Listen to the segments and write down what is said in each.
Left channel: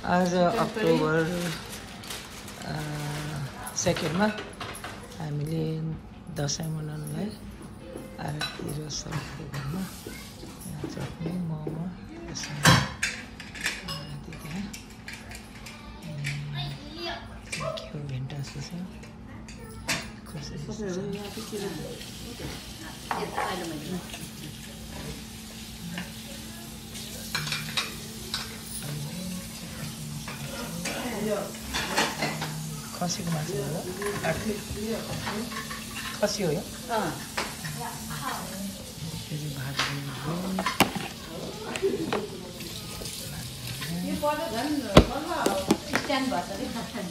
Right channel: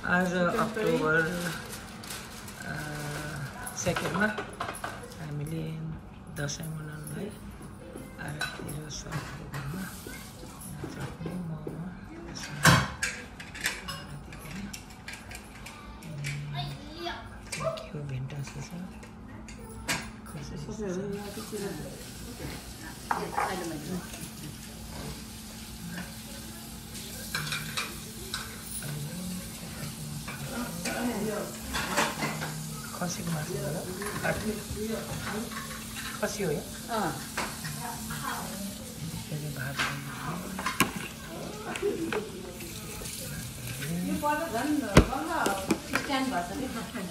आज अक्टोबर 2 मा हामीले दसैँ मनाउनलाई आरती र सबको घरमा चटनी मोमो के हो भेन्टा जस्तो छ खसीको मासु हो खसी हो यो भात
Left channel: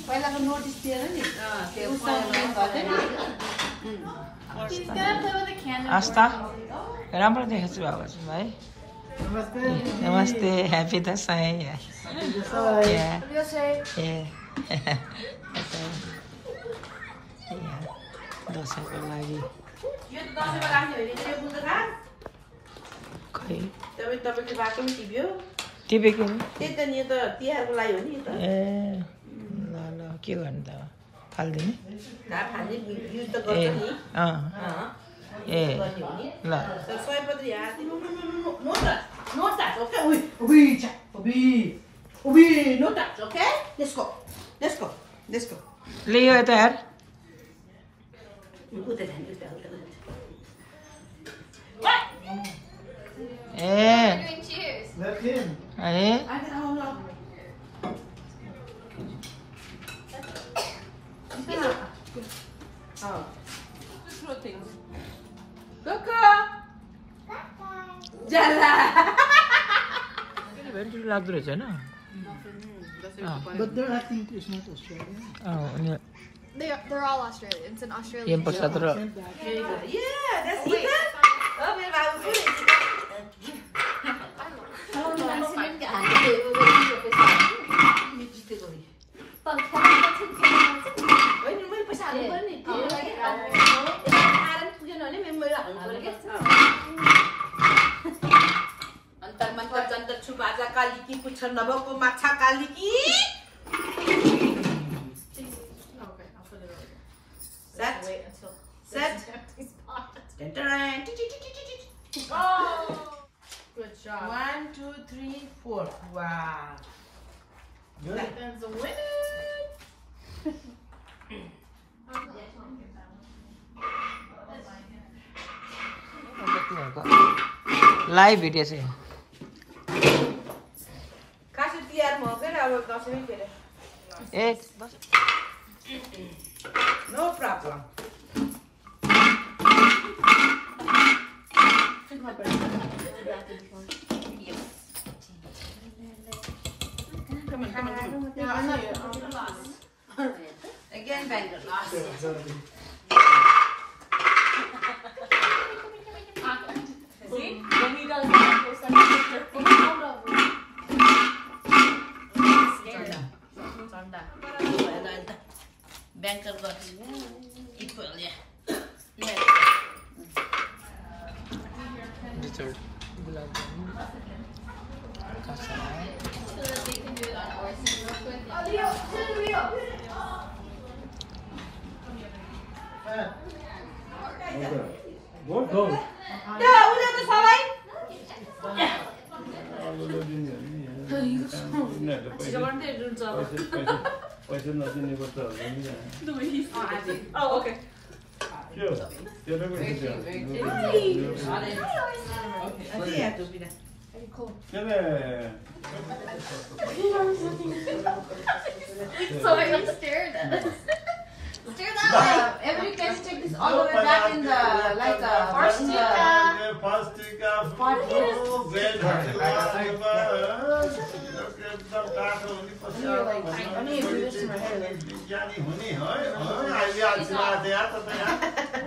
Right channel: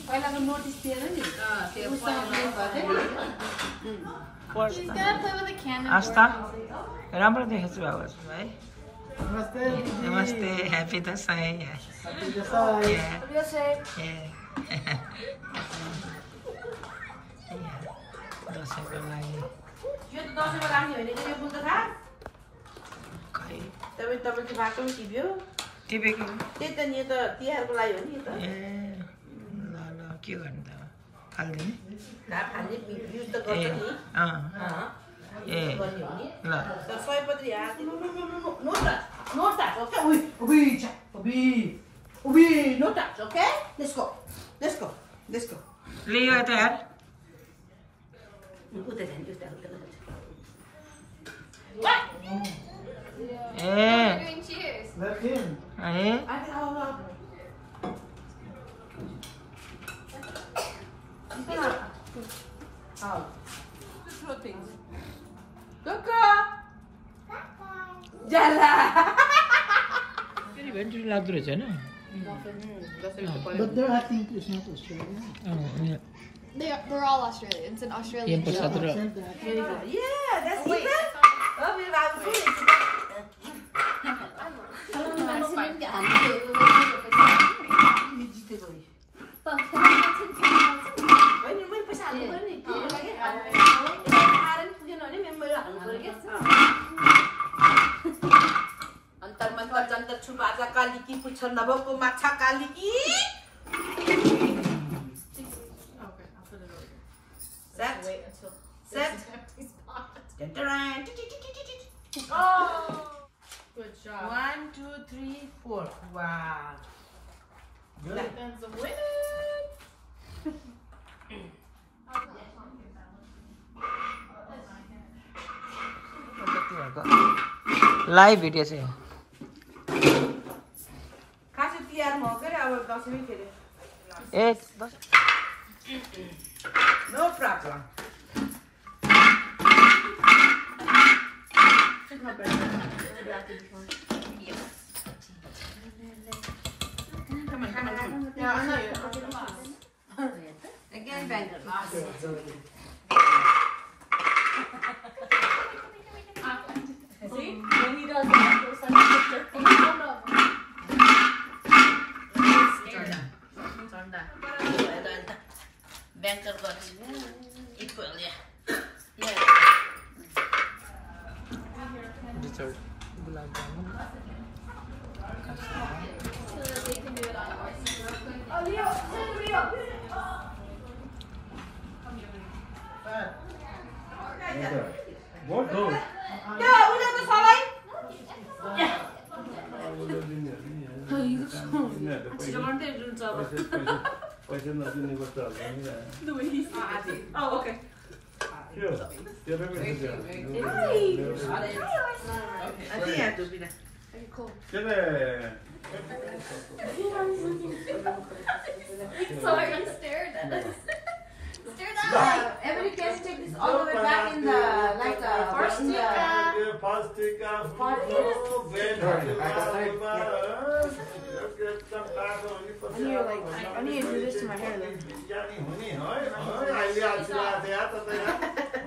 पहिलाको नोटिस दिएर नि आस्था राम्रो देखेको छु बाबा है नमस्ते ह्याप्पी दसैँ दसैँको लागि तपाईँको बाटो पनि टिप्यो टिपेको त्यही त नि त तिहारको लागि हो नि त ए ल ल के गर्नु त फाल्दिने युज त गर्छ नि ए ल सयपत्री ले यो यता यार भेन्चुरी लाग्दो रहेछ होइन They're all Australians and Australian. Prasad र काली की पुछ नभएको माछा काली की Set. Set. Oh, good job. 1, 2, 3, 4. Wow. That's a winner. Live video चाहिँ खासै तिहारमा हो क्या अब दसैँ फेरि ए बस no problem Again, Bangalore. See? When he does that, he'll start to put your feet out of him. Banker got equal, yeah. Dessert, gulab jamun, kasa. So that they can do it on our side real quick. What? No. पैसा नदिने गर्छ Oh, okay. त्यो So I can stare at us. Stare that. Everybody can take this all the way back in the first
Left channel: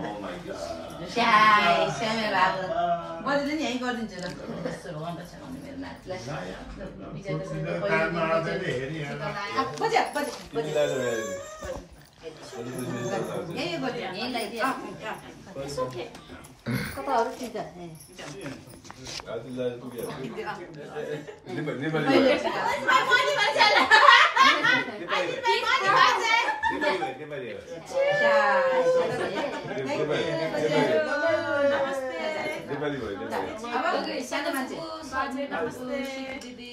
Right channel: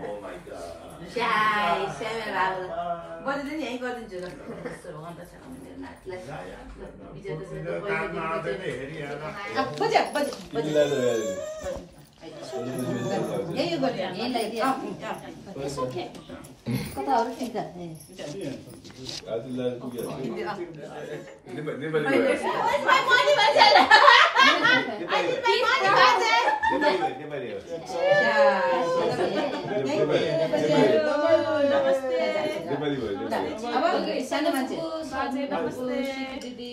Oh my god. It's okay. It's अब सानो मान्छे बाजे नमस्ते दिदी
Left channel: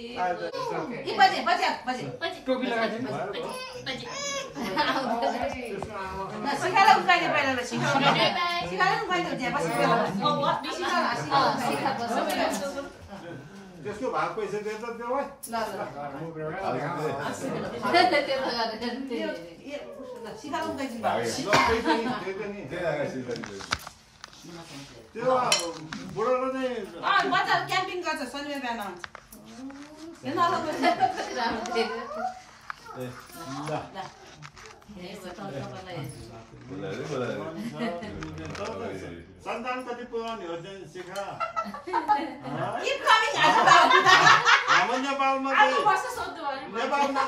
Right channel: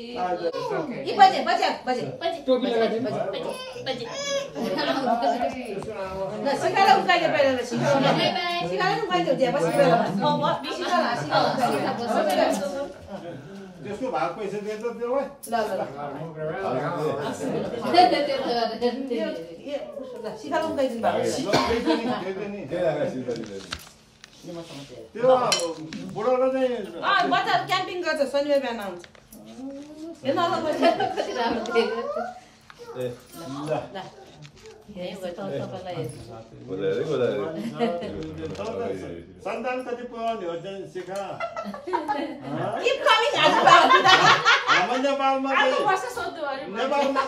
के बजे बजे बजे टोपी लगाइदिनु ल सिकाला उकाइले पहिला ल सिकाला उकाइले हुन्छ बस पहिला त्यसको भाग पैसा दिन्छ त्यसलाई ल सिकाला उकाइदिनु भएको त्यो बुढोलाई चाहिँ बजार क्याम्पिङ गर्छ शनिबार बिहान आउँछ सन्तान कति पुऱ्याउने हो चाहिँ सिका हाम्रो नेपालमा नेपालमा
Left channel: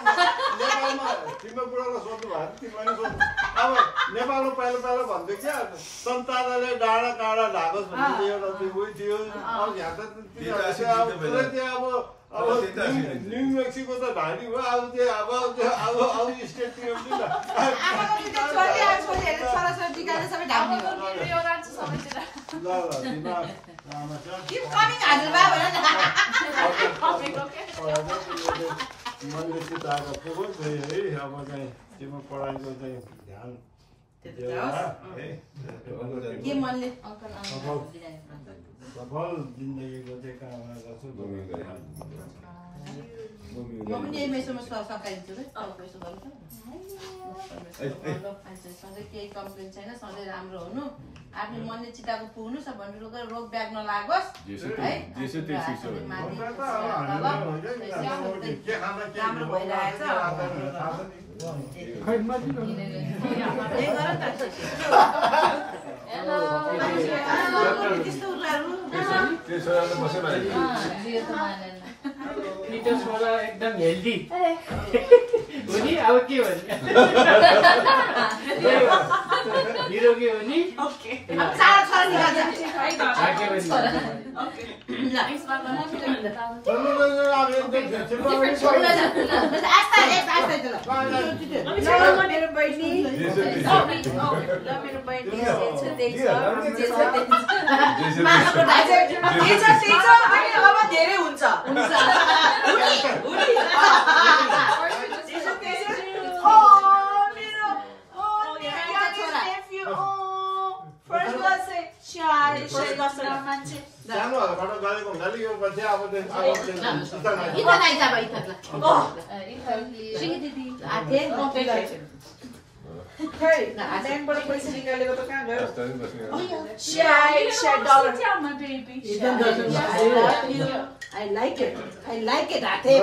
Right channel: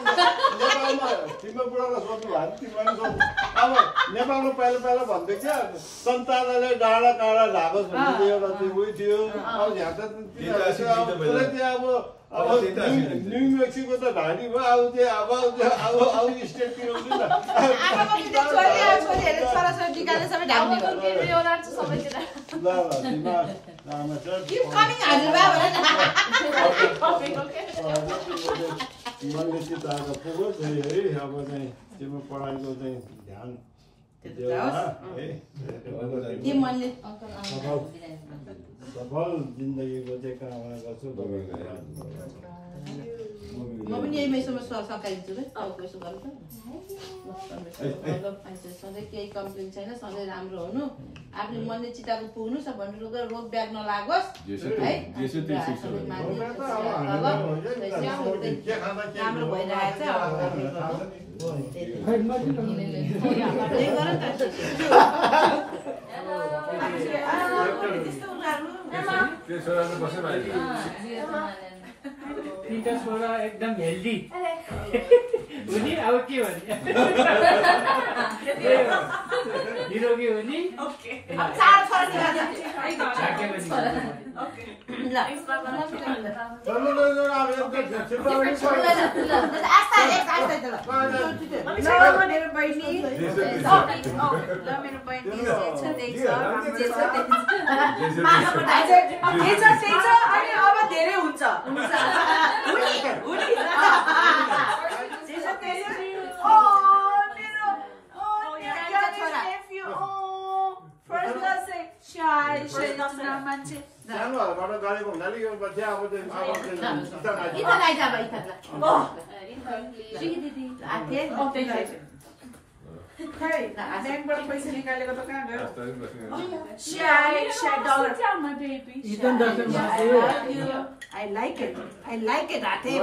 तिम्रो बुढालाई सोध्नु भयो तिमीलाई सोध्नु अब नेपालमा पहिला पहिला भन्थ्यो क्या सन्तानले डाँडा काँडा ढाकोस् भन्ने एउटा त्यो उयो थियो अब यहाँ त अब न्यू मेक्सिको त ढाडी भयो अब अब स्टेटतिर हुन्छ नि अब चाहिँ तिम्रो पढाइको चाहिँ ध्यान सफल जिन्दगीको चाहिँ कामना गर्छु म पनि यही मैसोमा सकाइदिन्छु सधैँ केही कम्प्लेन छैन सधैँ राम्रो हुनु आफ्नो मनले चिताको पुग्नु सबभन्दा रोग ब्याग नलागोस् है राम्रो भइरहेछ पिटर छोरा एकदम हेल्दी हो नि अब के भने निरोगी हो नि मेरो बहिनी अब धेरै हुन्छ सानोहरूबाट गरेको हुनाले यो पछि अब पैसा निकालेको त कहाँ गयो I like it. Ate.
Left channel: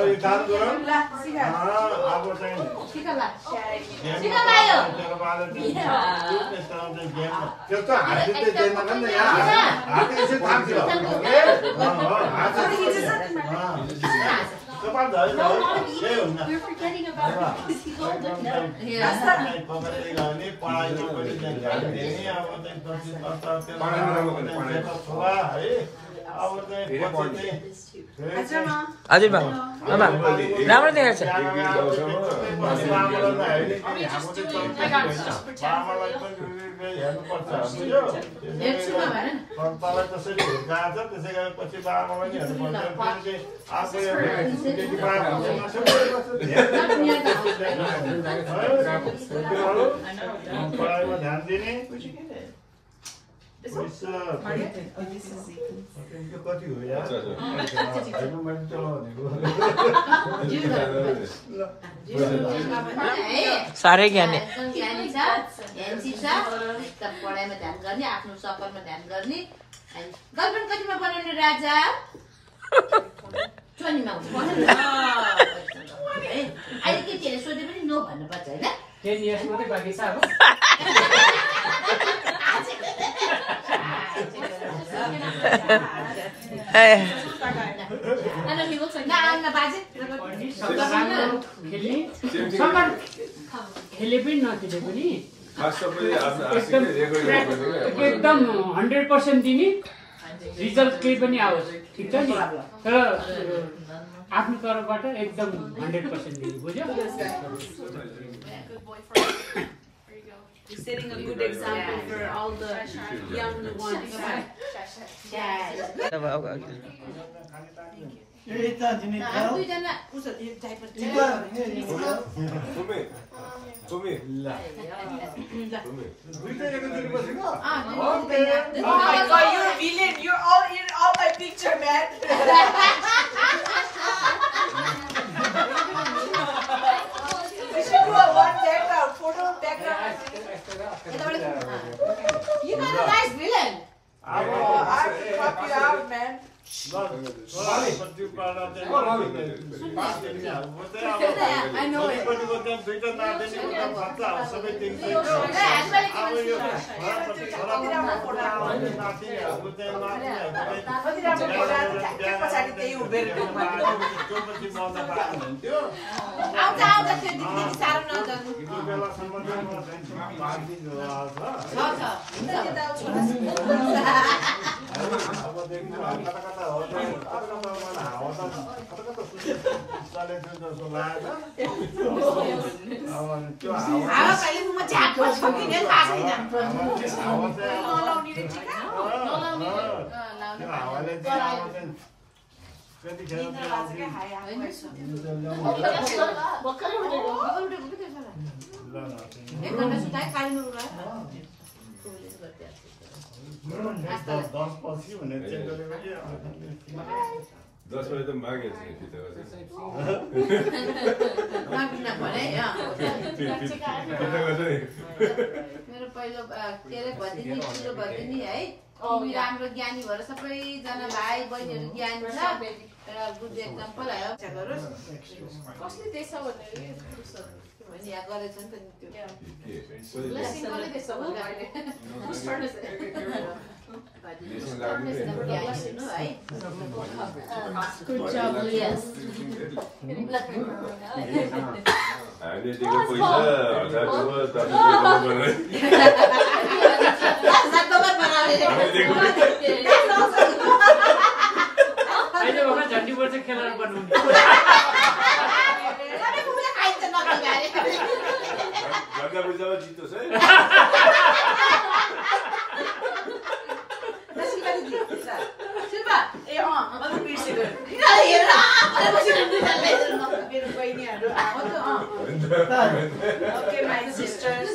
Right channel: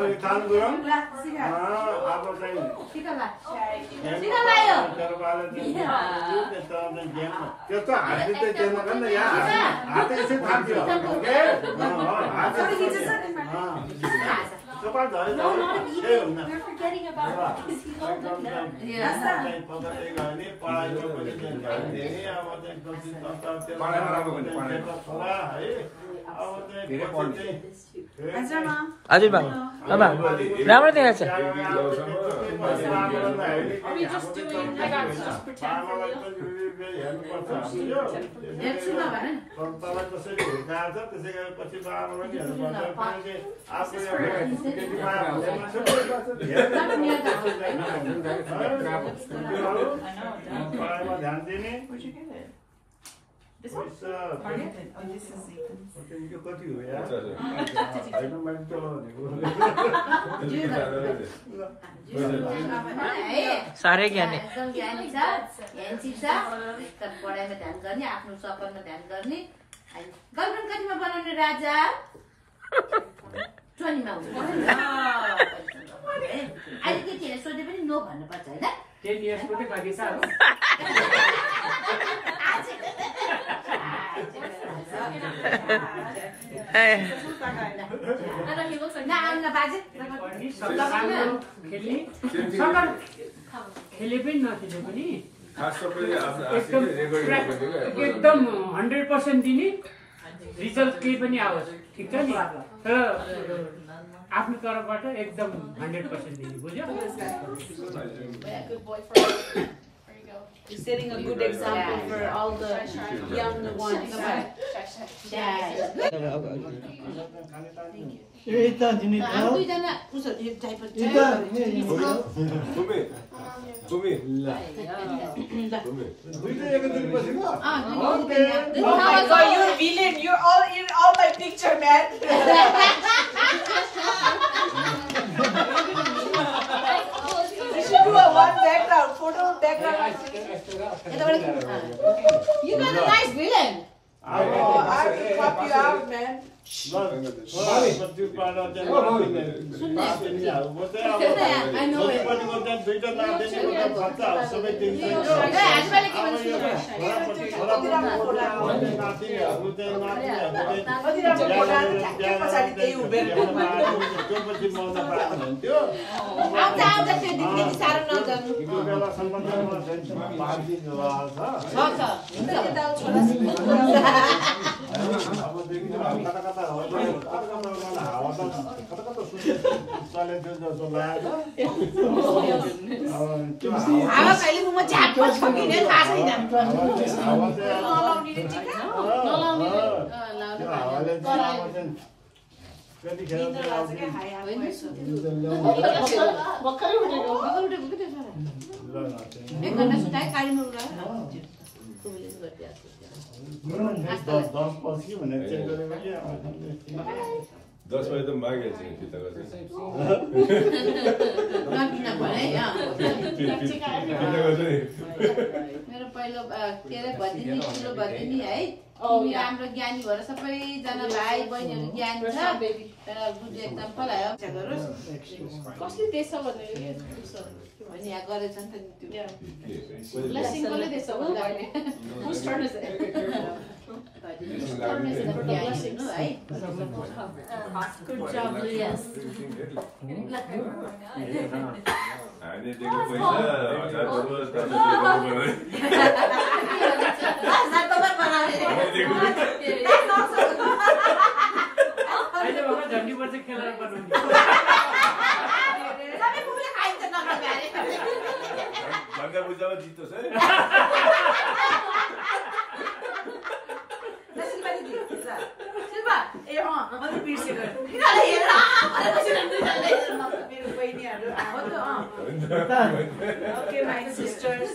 You're forgetting about this. हजुर बाबु राम्रो देखाएको छ ध्यान दिने कति हो यार साह्रै ज्ञानी पढाइमा ध्यान गर्ने आफ्नो सफरमा ध्यान गर्ने गर्लफ्रेन्ड कतिमा बनाउने राजा 20 मा अहिले केटीहरूले सोधे पनि नो भन्नुपर्छ होइन 10 years मात्रै बाँकी छ अब खेले पनि नखेले पनि एकदम 100% दिने रिजल्ट केही पनि आओस् ठिक छ नि तर आफ्नो तर्फबाट एकदम 100% दिने बुझ्यो He's setting a good example for all the young ones. You're a villain. You're all in all my picture, man. You should do a one background, photo background. You got a nice villain. I have to cut you out, man. I know it. मेरो पहिलो के अरे भदिनी ठुलो भदिनी है राम्रो ज्ञानी भएर सबैजना भाइ बहिनीहरू ज्ञानी छ बुद्धि एकदम पलायो कसले देश भने यहाँ गरेछ नि त झन्डी पर्छ खेलाएर पर्नु Okay, my sisters.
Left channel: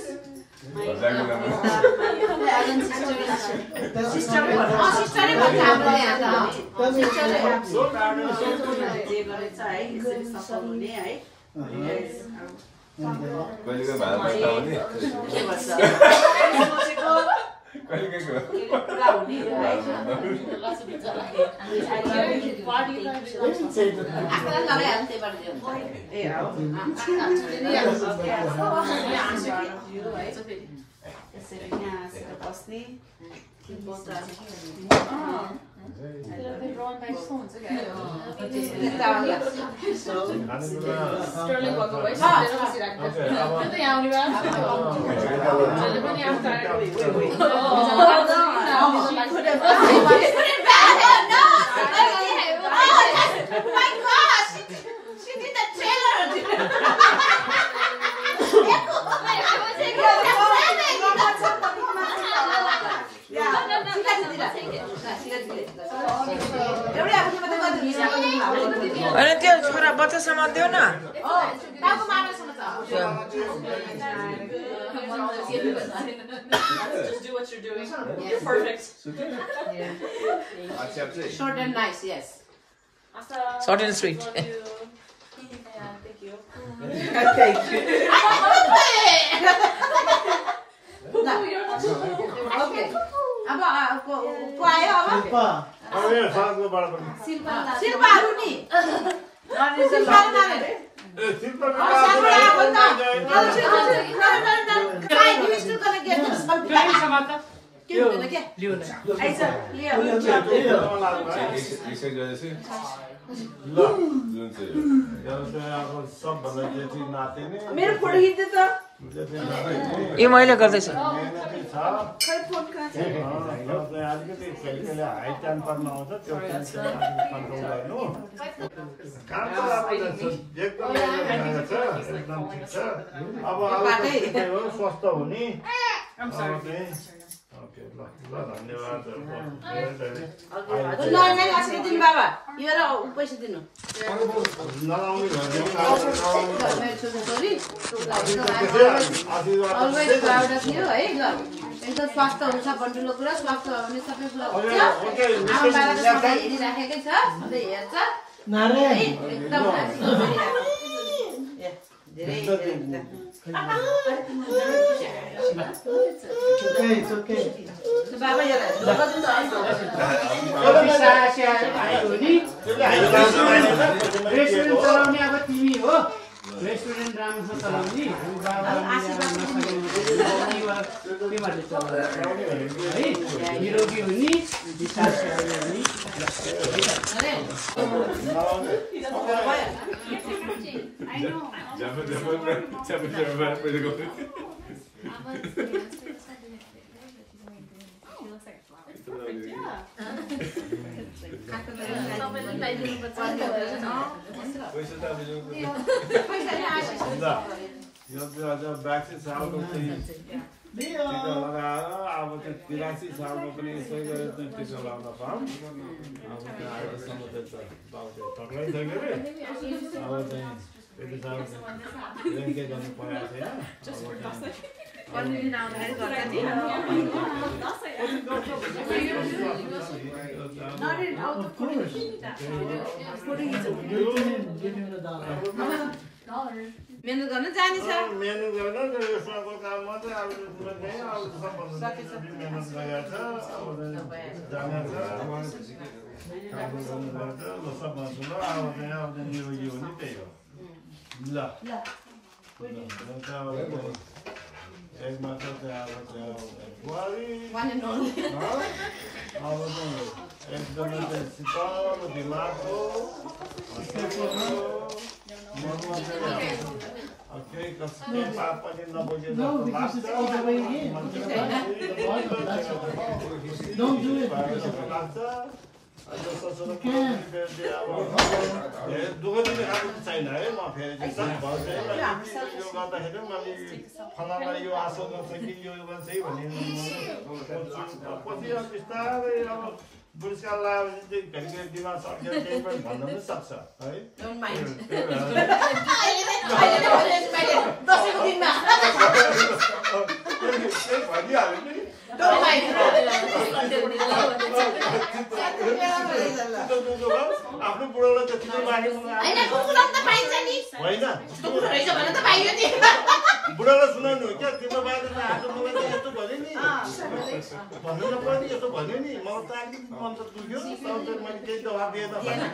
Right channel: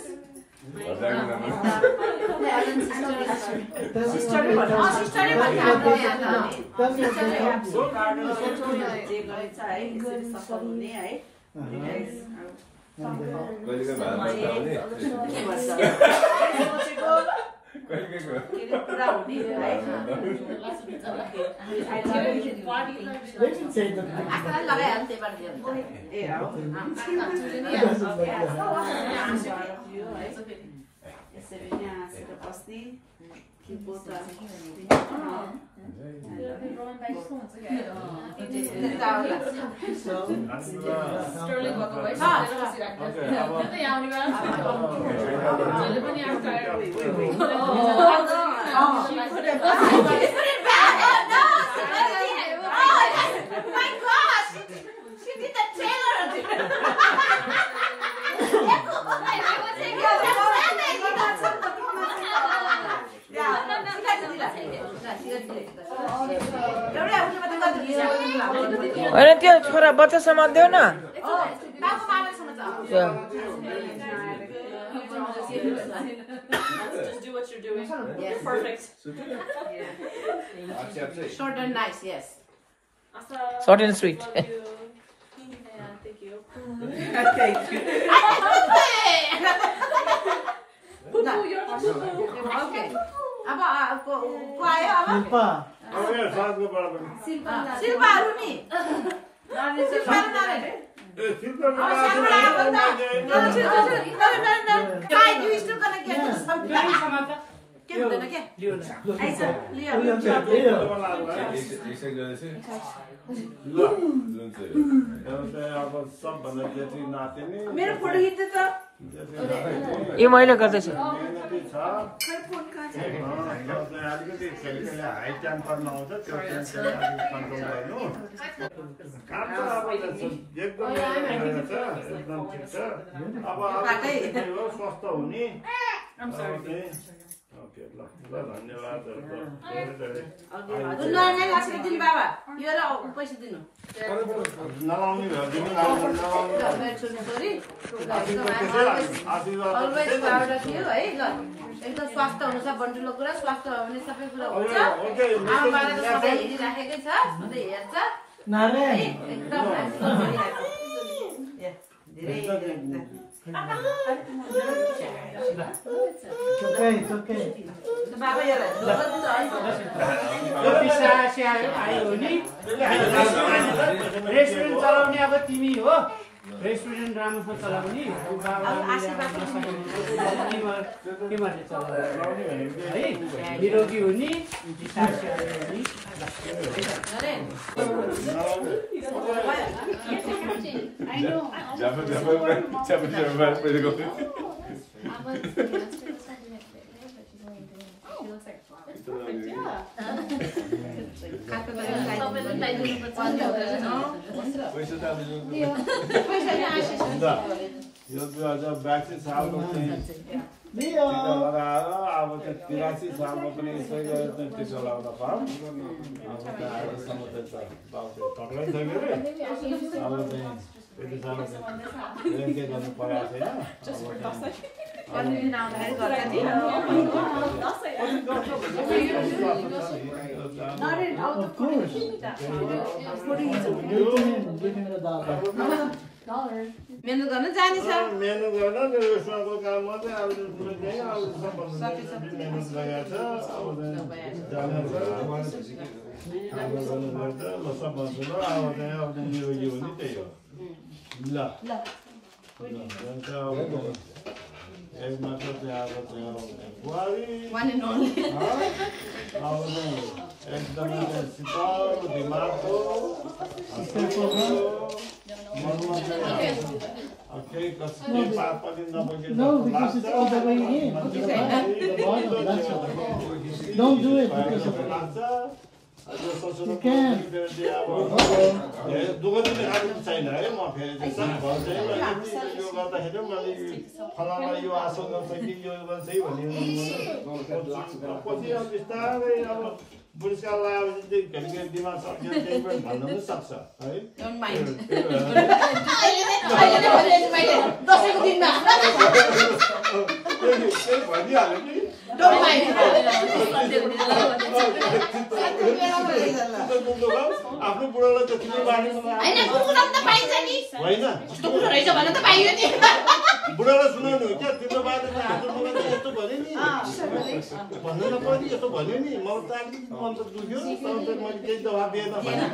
Sterling walk away. अनि त्यो छोरा बच्चासम्म देऊ न Just do what you're doing. You're perfect. Short and nice, yes. Short and sweet. Thank you. Thank you. Okay. अब को आयो अब शिल्पाहरु नि के हुँदैन के लियो आइज लियो मेरो फोटो खिच्दै त यो मैले गर्दैछु अलिकति खेलखेलले हाई टेम्पर नआउँछ त्यो टेन्सन कन्ट्रोल गर्नु काम त अब एकदम एकदम ठिक छ अब स्वस्थ हुने ओके ल धन्यवाद दिनु बाबा यो र पैसा दिनु नलाउने थियो है ल एकदम स्वास्थ्य हुन्छ बन्डुलो कुरा स्वास्थ्य हुने सबै कुरा हुन्छ हेरिराखेकै छ सधैँ हेर्छ एकदम धेरै बाबा रेस्टुरेन्ट चलाउने अब तिमी हो रेस्टुरेन्ट राम्रोसँग चलाउने है निरोगी हुने ब्यासी सालको टिका लगाएर अब त्यो 83 सालमा पनि यसै गरेर टिका लगाउन पाऊँ अब त्यहाँ आएरसम्म चाहिँ तक्लै छैन रे अब चाहिँ त्यति साह्रो चाहिँ के गर्नु परेको छैन मेहनत गर्न जाने छ मेहनत गर्न रेस्टुरेन्टको काम मात्रै अब मेहनत गरेको छ अब जाने छ ल सब भन्छु ल अब चाहिँ निरोगी हो नि त्यही हो ल एक मात्र चाहिँ अब त्यो बुहारी अब एकदमै चाहिँ शीतल दिमागको मनमा चाहिँ केही कसै पाप पनि नबोके लाग्छ दुःख चाहिँ खानु छैन है म फेरि यो गर्दाखेरि मैले फलानालाई यो आशा गर्छ कि यो गर्छ है भन्ने पछि अब बिस्तारै अब पुरस्कार लगाएपछि चाहिँ घरि दिमाग सक्छ केही पनि भन्न पनि सक्छ है भनिहाल्यो नि आफ्नो बुढोलाई त चिनै बाँडेको होइन बुढालाई सुनाउनु हो क्या तिम्रो बाटो त आज मलाई त यस्तो भन्यो नि भन्नु नपर्ने यस्तो भन्यो नि मलाई त अलिकति मन त दुख्यो तर मैले केही जवाब दिएन भने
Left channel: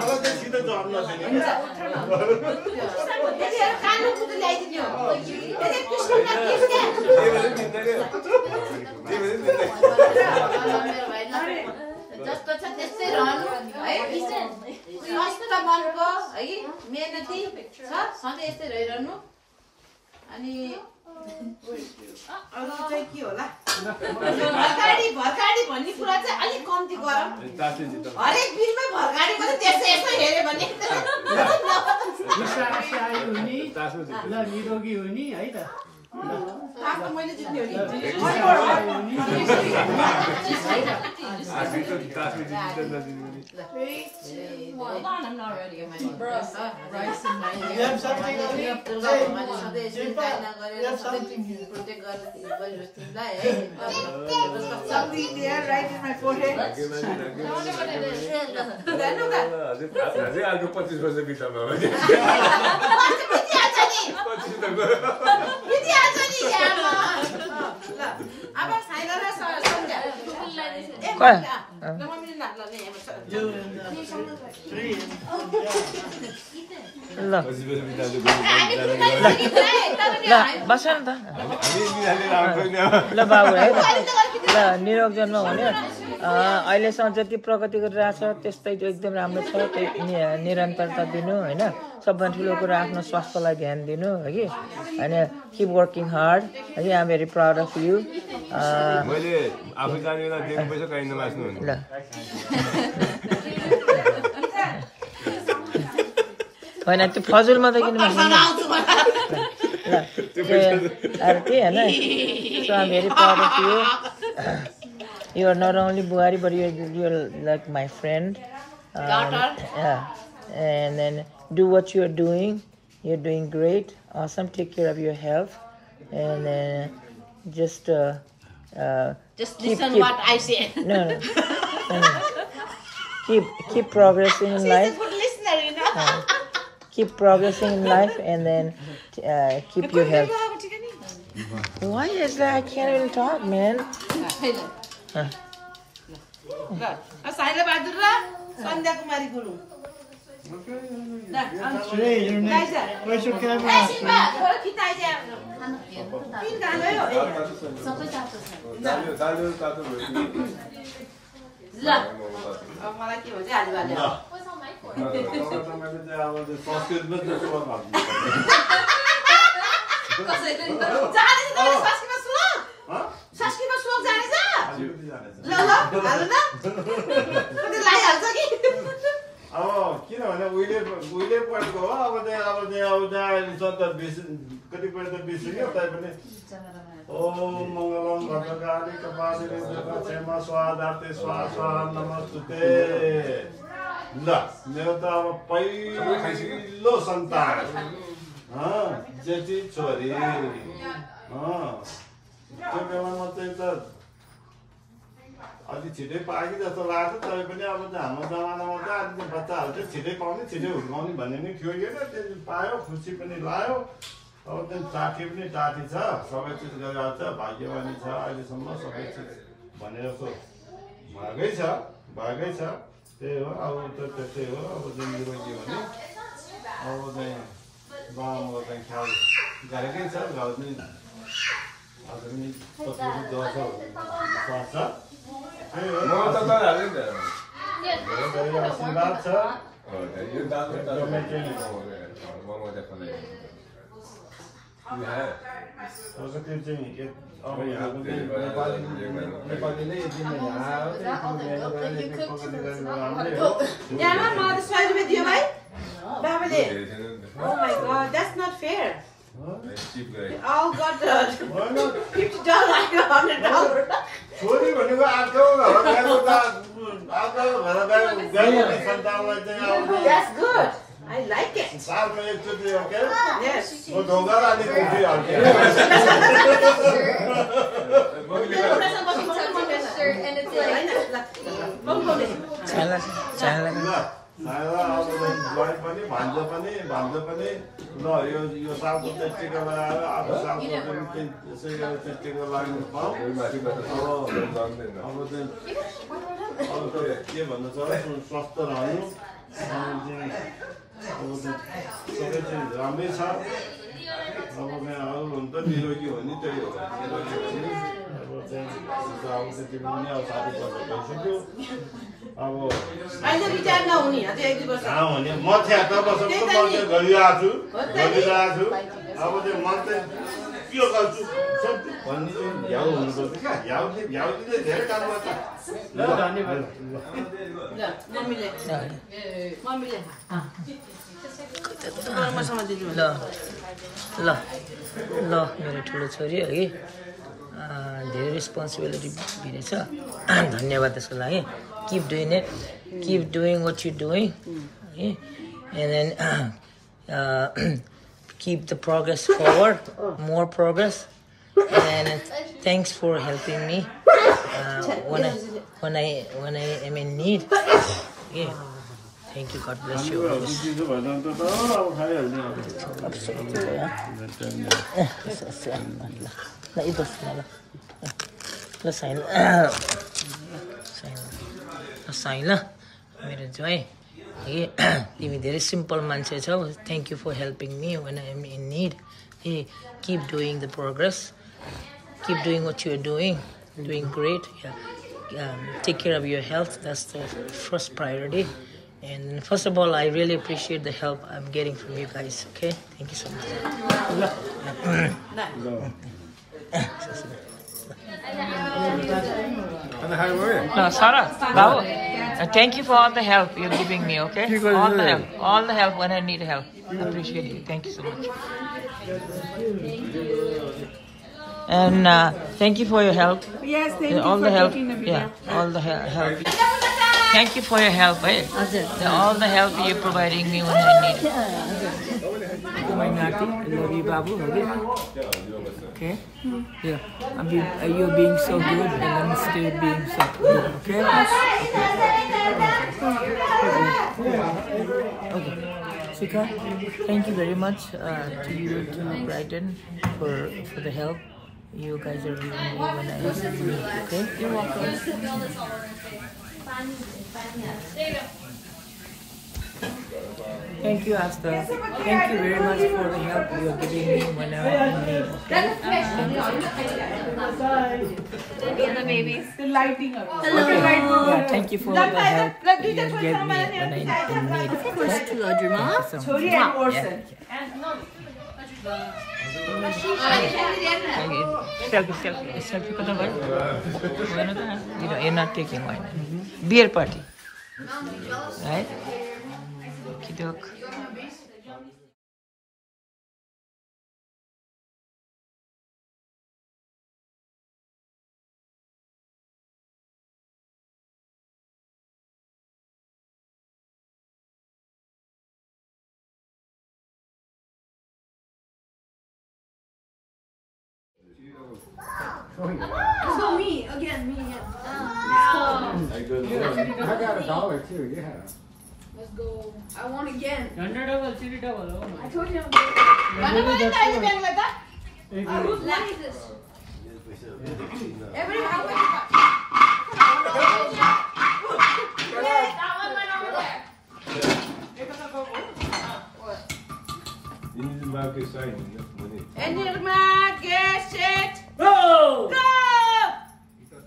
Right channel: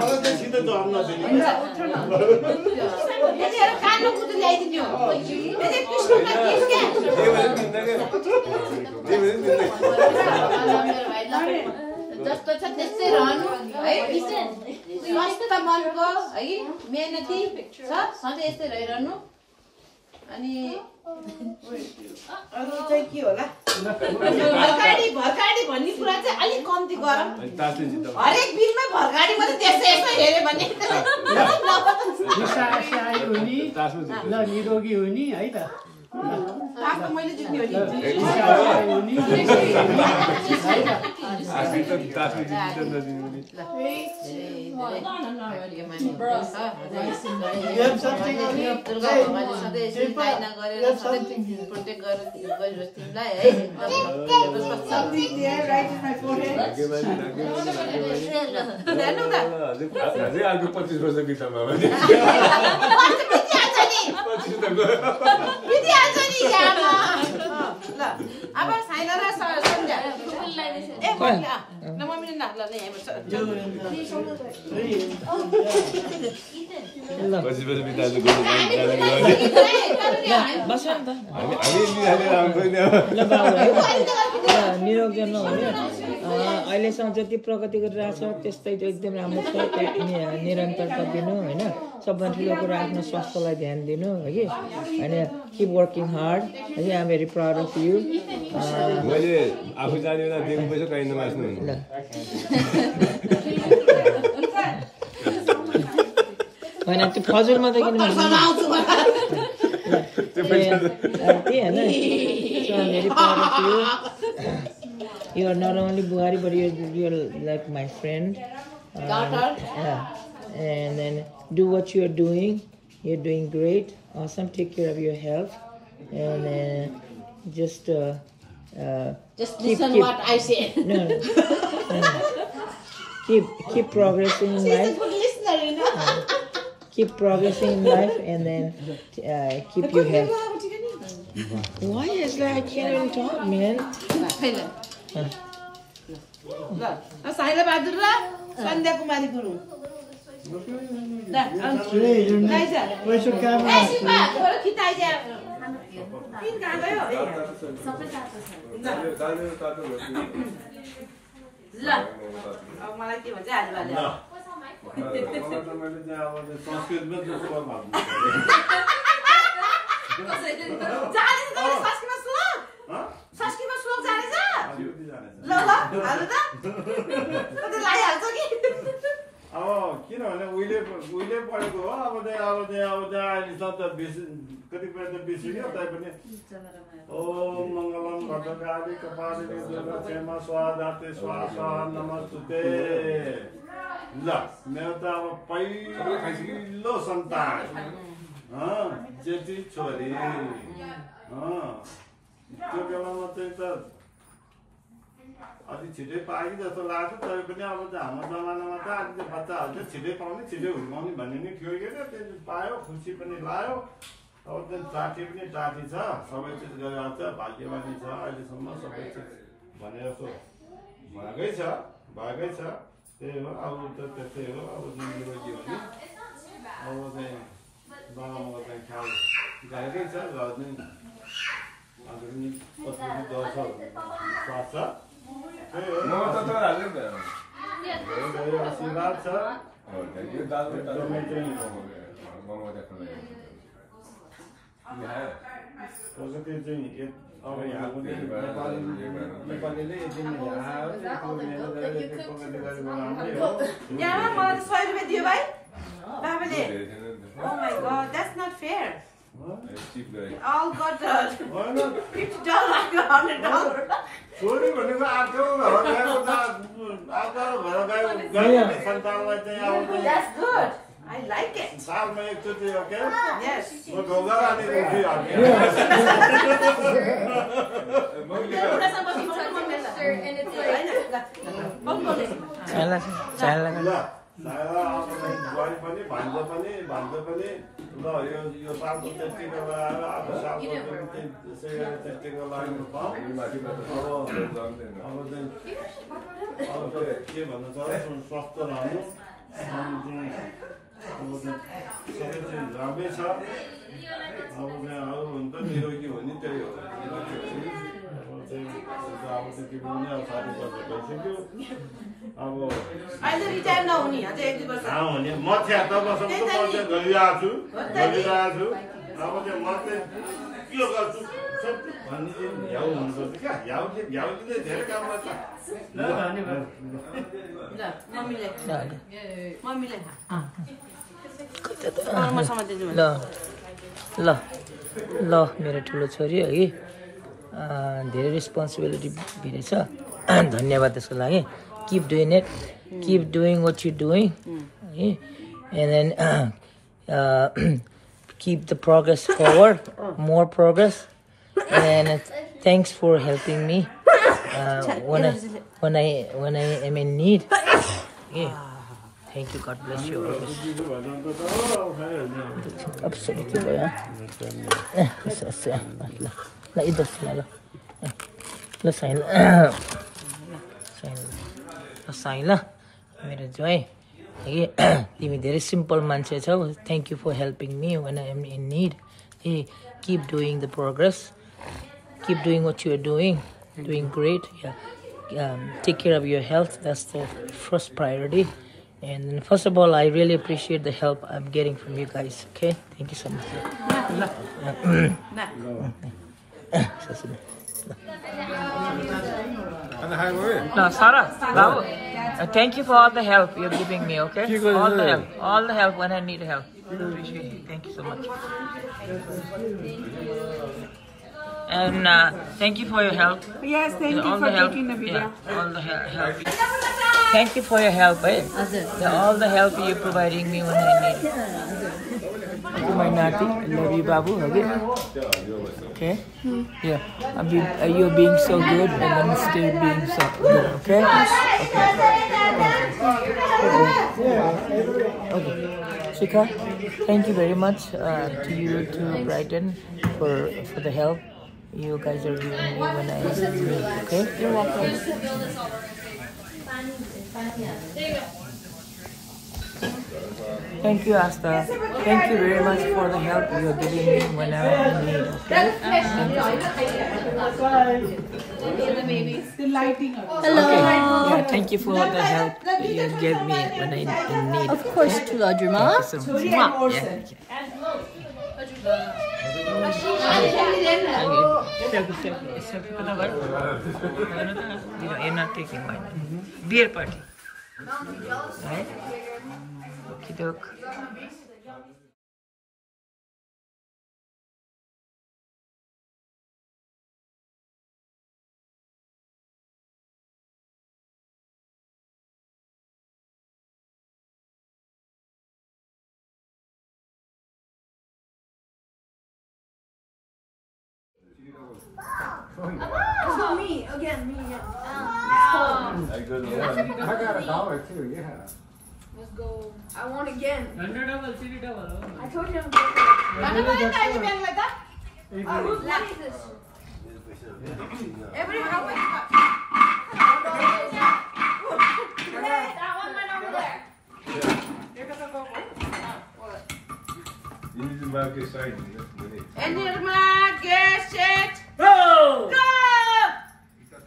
मलाई चाहिँ सिधै जवाब नदिने जस्तो छ त्यस्तै रहनु है स्वस्थ मनको है मेहनती छ सधैँ यस्तै रहिरहनु अनि अरू चाहिँ के होला भर्काडी भन्ने कुरा चाहिँ अलिक कम्ती गरौँ हरेक बिलमा भर्काडी मात्रै त्यस्तै यस्तो हेऱ्यो भने निरोगी हुने है त मैले जित्यो अर्को 25 वर्ष बित्थामा अब छैन र सन्ध्या ल बस न त ल बाबु है ल निरोग जन्म हुने अहिलेसम्म जति प्रगति गरिरहेको छ त्यस्तै एकदम राम्रो छ निरन्तरता दिनु होइन सबभन्दा ठुलो कुरा आफ्नो स्वास्थ्यलाई ध्यान दिनु है कि अनि किप वर्किङ हार्ड है I am very proud of you ल होइन त्यो फजुलमा त किन ल त्यही होइन so I am very proud of you You are not only Buhari, but you're like my friend. And then do what you are doing. You're doing great. Awesome. Take care of your health. And then just listen what I say. No. Keep progressing in life. Good listener, you know. Keep progressing in life, and then keep your health. Why is that? I can't even talk, man. साइला बहादुर र सन्ध्या कुमारी गुरुङ ल अब मलाई के भन्छ आज भने संस्कृतमा श्लोक जानेछ ल हाल्नु त कति लाइहाल्छ कि अब किनभने उहिले पढेको हो अब अहिले त कतिपय त बिर्सियो तैपनि ओम मङ्गलम भद्रकाली कपाली दुर्गा क्षेमा स्वाधाते स्वाहा नमस्ते ल मेरो त अब पहिलो सन्तान जेठी छोरी त्यो बेलामा चाहिँ त अलि छिटै पाएँ जस्तो लाग्छ तैपनि अब त हाम्रो जमानामा त अहिले बच्चाहरू चाहिँ छिटै पाउने छिटै हुर्काउने भन्ने नै थियो होइन त्यो पायो खुसी पनि लाग्यो अब त्यो टाटी पनि टाटी छ सबै चिज गरेर छ भाग्यवानी छ अहिलेसम्म सबै चिज भनेर जस्तो भएकै छ त्यही हो अब त त्यस्तै हो अब चाहिँ मेरो के भने अब चाहिँ बाबाको चाहिँ ख्याल गरेकै छ घर चाहिँ अब पनि दसौँ पर्छ आशीर्वाद छ एकदमै चाहिँ त्यो चाहिँ अब यहाँको चाहिँ नेपालीले यति नै यहाँ मलाई 100 रुपैयाँ दियो भाइ बाबाले Oh my god, that's not fair. All got $50, $100. छोरी भनेको आएको सन्तानलाई चाहिँ That's good. I like it. सालमा एकचोटि Yes. म ढोका अलिक उठिहाल्थेँ And it's like ज्वाइँ पनि भान्जा पनि ल यो सालको चाहिँ टिका लगाएर अब सालको चाहिँ त्यसै गरेर चाहिँ टिका लगाउनु पाऊँ अब त के भन्नु छ स्वस्थ रहनु अब चाहिँ सबै चाहिँ राम्रै छ अब चाहिँ अरू हुन त निरोगी हो नि त्यही हो निरोगी हो नि अब चाहिँ अब त्यति पनि अब 60 वर्ष भइसक्यो अब अहिले विचार नहुने अझै 1-2 वर्ष भने म 76 वर्षको मान्छे गरिरहेको छु अब चाहिँ म चाहिँ के गर्छु भन्ने झ्याउ हुनुपर्छ क्या झ्याउले धेरै काम गर्छ ल मेरो ठुलो छोरी हो कि धेरै रेस्पोन्सिबिलिटी दिँदैछ धन्यवाद त्यसको लागि keep doing it, keep doing what you're doing, okay? And then keep the progress forward, more progress. And thanks for helping me when I am in need. Yeah, thank you. God bless you always. साइन ल मेरो ज्वाइँ तिमी धेरै simple मान्छे छौ. Thank you for helping me when I am in need. Hey, keep doing the progress. Keep doing what you are doing. Doing great. Yeah. Take care of your health. That's the first priority. And first of all, I really appreciate the help I'm getting from you guys. Okay? Thank you so much. No, Sarah, Babu, thank you for all the help you're giving me, okay? All the help when I need help. I appreciate it. Thank you so much. And thank you for your help. Yes, thank you for taking the video. Yeah, all the help. Thank you for your help, eh? All the help you're providing me when I need it. My Nati, love you, Babu. Okay? Yeah. You're being so good, and I'm still being so good. Okay? Okay. Shika, thank you very much to you, to Brighton, for the help you guys are giving me when I need it. Okay? You're welcome. Thank you, Asta. Thank you very much for the help you're giving me when I'm in need. Okay? Thank you so much. The babies. The lighting up. Hello. Okay. Yeah, thank you for the help you gave me when I'm in need. Of course, to Lodrima. Thank you so much. Selfie. You're not taking wine. Beer party. Right? Okie doke. Oh, me again. I got $1 too, yeah. Let's go. I want again. $100, $3. I told you I'm going. Whose money is this? Every how much? That one went over there. You need to mark a sign. Enirma, get it. Go! Go!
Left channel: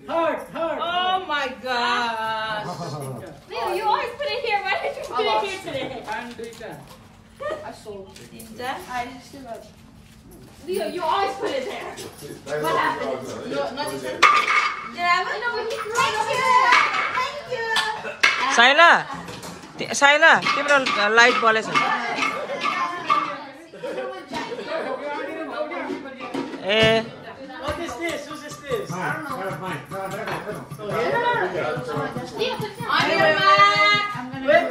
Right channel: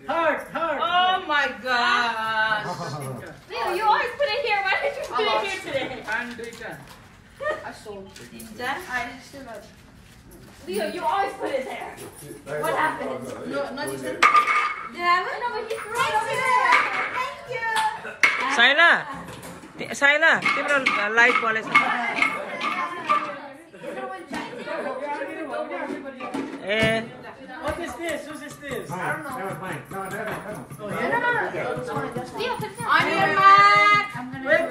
Heart. Oh my gosh. Leo, you always put it here. Why did you put it here today? And return. I sold it. That? I still got it. Leo, you always put it there. What happened? Not this one. Did I have it? No, but he's right over there. Thank you. Saila, तिम्रो light बलेछ ए What is this? Who's this? I don't know. Never mind. No. On your mark. Wait.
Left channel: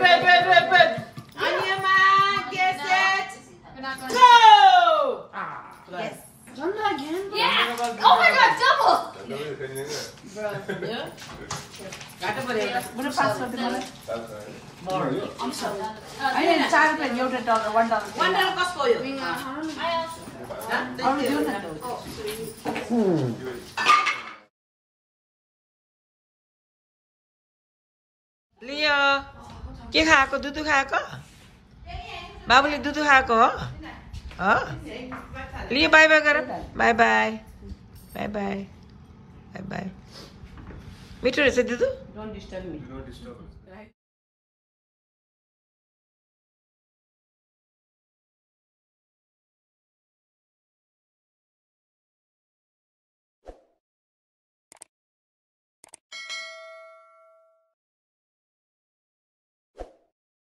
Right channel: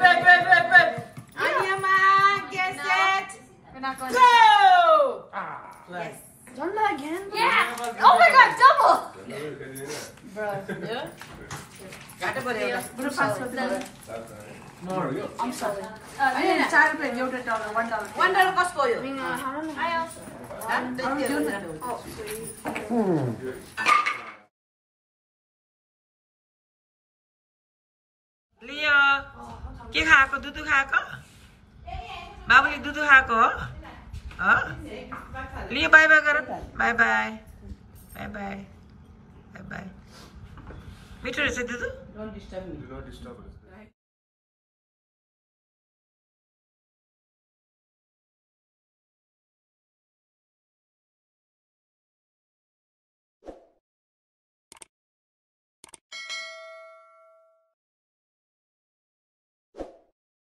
On your mark, get set. Go! Yes. Done that again? Yeah. Oh my god, double. Bro. Got to put it. I'm sorry. $1 कसको हो यो? I also. लियो के खाएको दुधु खाएको बाबुले दुधु खाएको हो लियो by by गर बाई मिठो रहेछ दुधु